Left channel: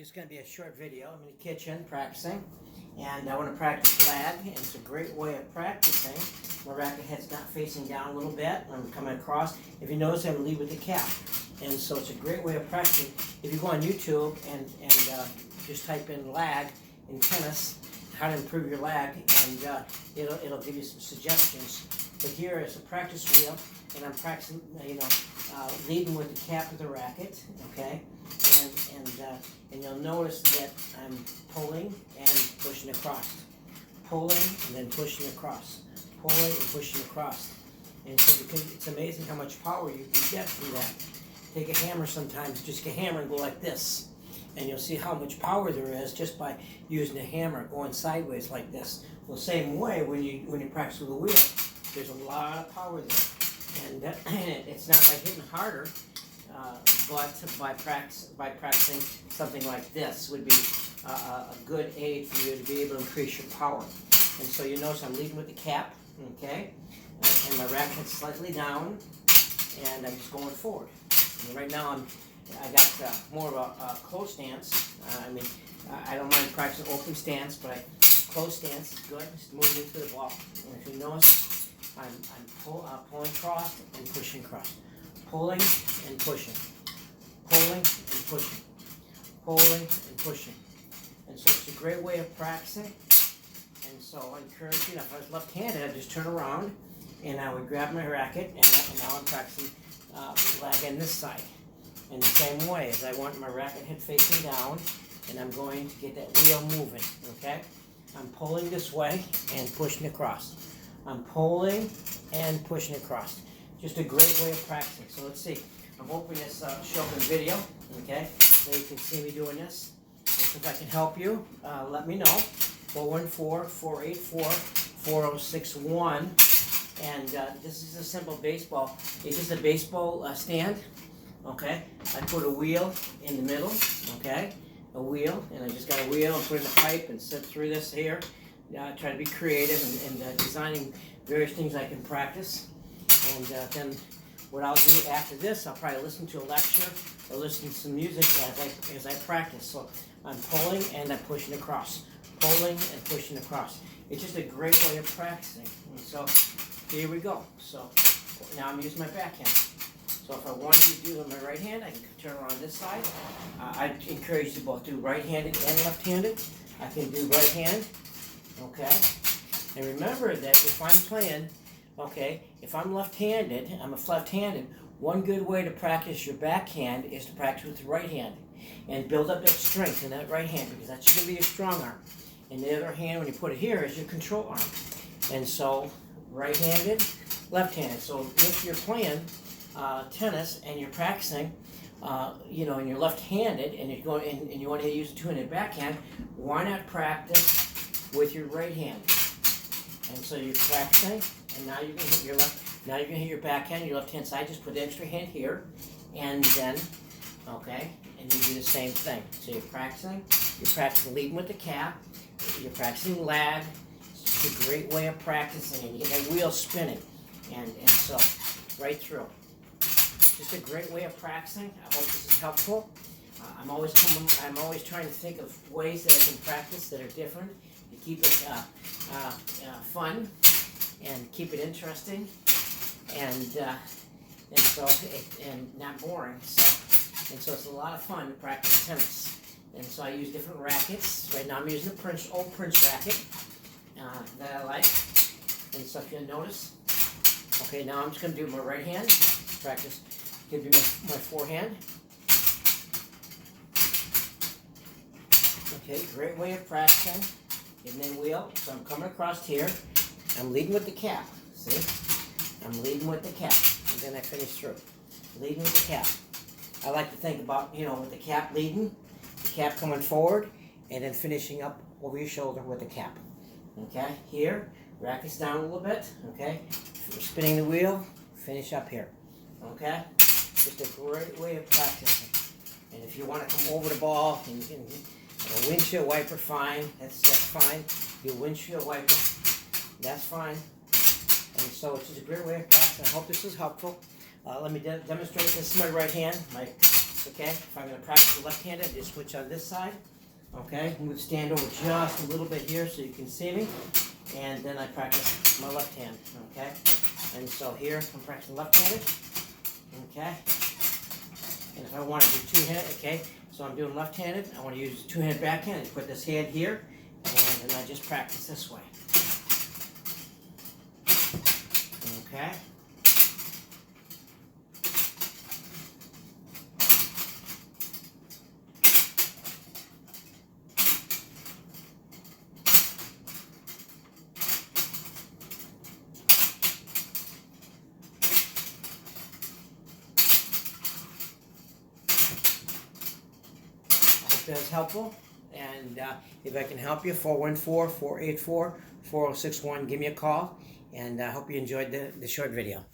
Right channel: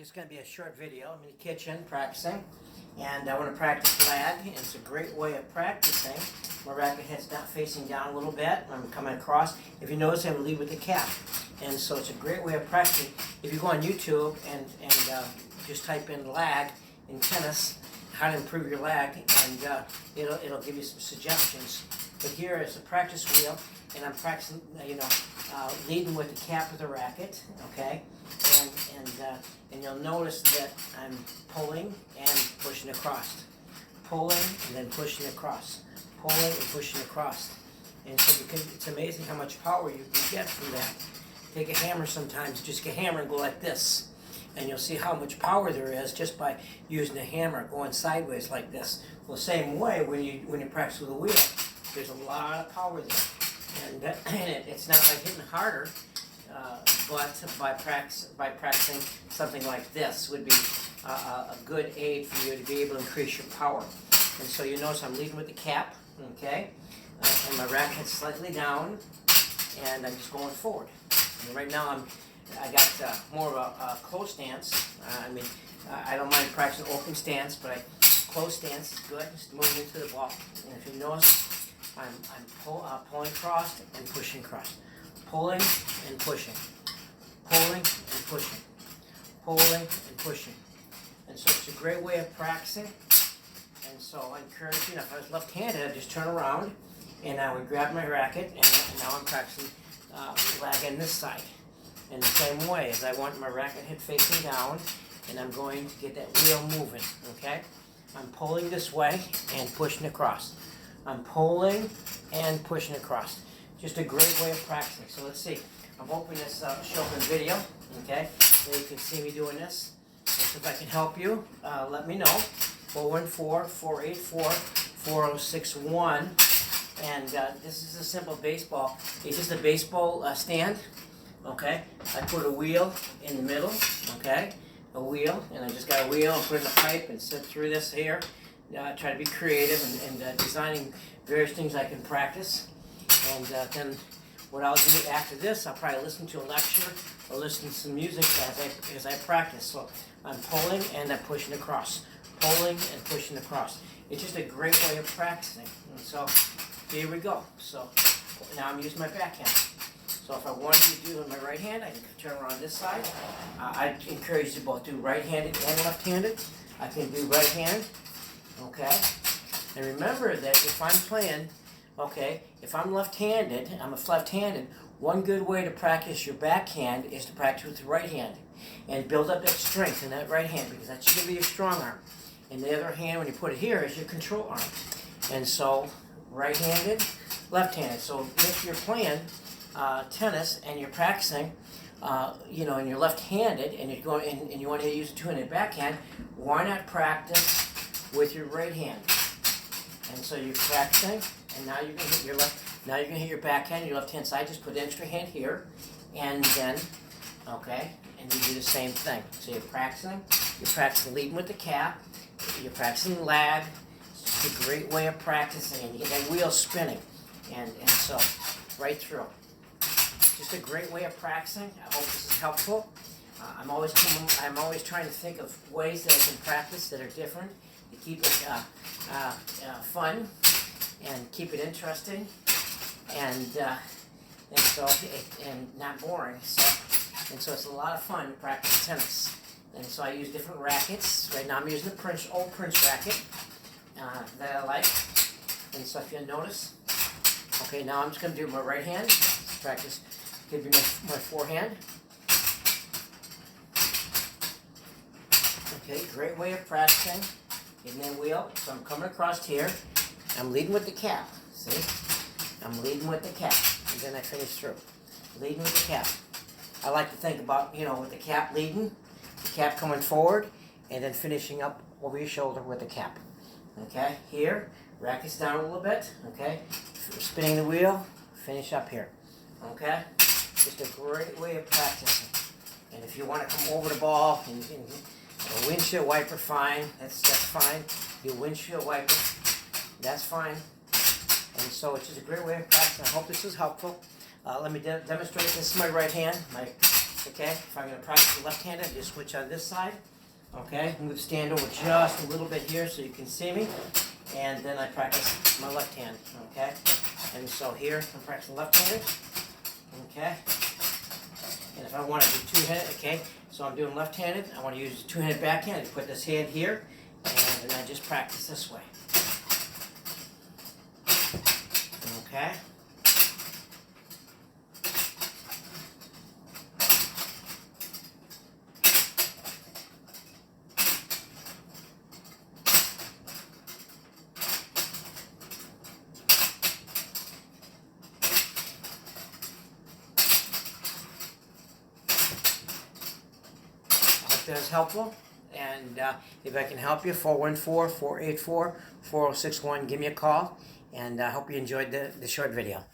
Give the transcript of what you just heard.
Just going to be a short video. I'm in the kitchen practicing, and I want to practice lag. And it's a great way of practicing. My racket head's not facing down a little bit. I'm coming across. If you notice, I'm lead with the cap, and so it's a great way of practicing. If you go on YouTube and just type in lag in tennis, how to improve your lag, and it'll give you some suggestions. But here is a practice wheel, and I'm practicing, leading with the cap of the racket, okay? And you'll notice that I'm pulling and pushing across, pulling and then pushing across, pulling and pushing across. And so it's amazing how much power you can get from that. Take a hammer sometimes, just get a hammer and go like this, and you'll see how much power there is just by using a hammer going sideways like this. Well, the same way when you practice with a wheel, there's a lot of power there, and it's not by hitting harder. But by practicing something like this would be a good aid for you to be able to increase your power. And so you notice I'm leading with the cap, okay? And my racket's slightly down, and I'm just going forward. And right now I got more of a close stance. I don't mind practicing open stance, but close stance is good. Just moving into the ball. And if you notice, I'm pulling across and pushing across. Pulling and pushing, pulling and pushing, pulling and pushing. And so it's a great way of practicing. And so I encourage you, if I was left-handed, I'd just turn around and I would grab my racket, and now I'm practicing lag on this side. In the same way, as I want my racket head facing down, and I'm going to get that wheel moving, okay? I'm pulling this way and pushing across. I'm pulling and pushing across. Just a great way of practicing. So let's see. I'm hoping this show up in video, okay? So you can see me doing this. And so if I can help you, let me know. 414-484-4061. And this is a simple baseball. It's just a baseball stand, okay? I put a wheel in the middle, okay? A wheel, and I just got a wheel and put in a pipe and sit through this here. Try to be creative and designing various things I can practice. And then what I'll do after this, I'll probably listen to a lecture or listen to some music as I practice. So I'm pulling and I'm pushing across, pulling and pushing across. It's just a great way of practicing. And so here we go. So now I'm using my backhand. So if I wanted to do it with my right hand, I can turn around this side. I encourage you to both do right-handed and left-handed. I can do right hand, okay? And remember that if I'm playing, okay, if I'm left-handed, one good way to practice your backhand is to practice with your right hand and build up that strength in that right hand, because that's going to be your strong arm. And the other hand, when you put it here, is your control arm. And so right-handed, left-handed. So if you're playing tennis and you're practicing, and you're left-handed and you're going and you want to use a two-handed backhand, why not practice with your right hand? And so you're practicing, and now you're gonna hit your left. Now you're gonna hit your backhand, your left-hand side. Just put the extra hand here, and then, okay, and you do the same thing. So you're practicing leading with the cap. You're practicing lag. It's just a great way of practicing, and you get that wheel spinning, and so right through. Just a great way of practicing. I hope this is helpful. I'm always trying to think of ways that I can practice that are different to keep it fun and keep it interesting and not boring. So it's a lot of fun to practice tennis. And so I use different rackets. Right now I'm using the old Prince racket that I like. And so if you'll notice, okay, now I'm just going to do my right hand. Practice. Give you my forehand. Okay, great way of practicing. And then wheel. So I'm coming across here. I'm leading with the cap. See? I'm leading with the cap. And then I finish through. Leading with the cap. I like to think about, with the cap leading, the cap coming forward, and then finishing up over your shoulder with the cap. Okay? Here, racket's down a little bit. Okay? Spinning the wheel, finish up here. Okay? Just a great way of practicing. And if you want to come over the ball and a windshield wiper, fine. That's fine. The windshield wiper, that's fine. And so it's just a great way of practicing. I hope this is helpful. Let me demonstrate. This is my right hand. My Okay, if I'm going to practice the left-handed, I just switch on this side. Okay, move the stand over just a little bit here so you can see me. And then I practice my left hand. Okay, and so here I'm practicing left-handed. Okay, and if I want to do two-handed, okay, so I'm doing left-handed. I want to use two-handed backhand and put this hand here, and then I just practice this way. Okay. That was helpful, and if I can help you, 414-484-4061, give me a call, and I hope you enjoyed the short video.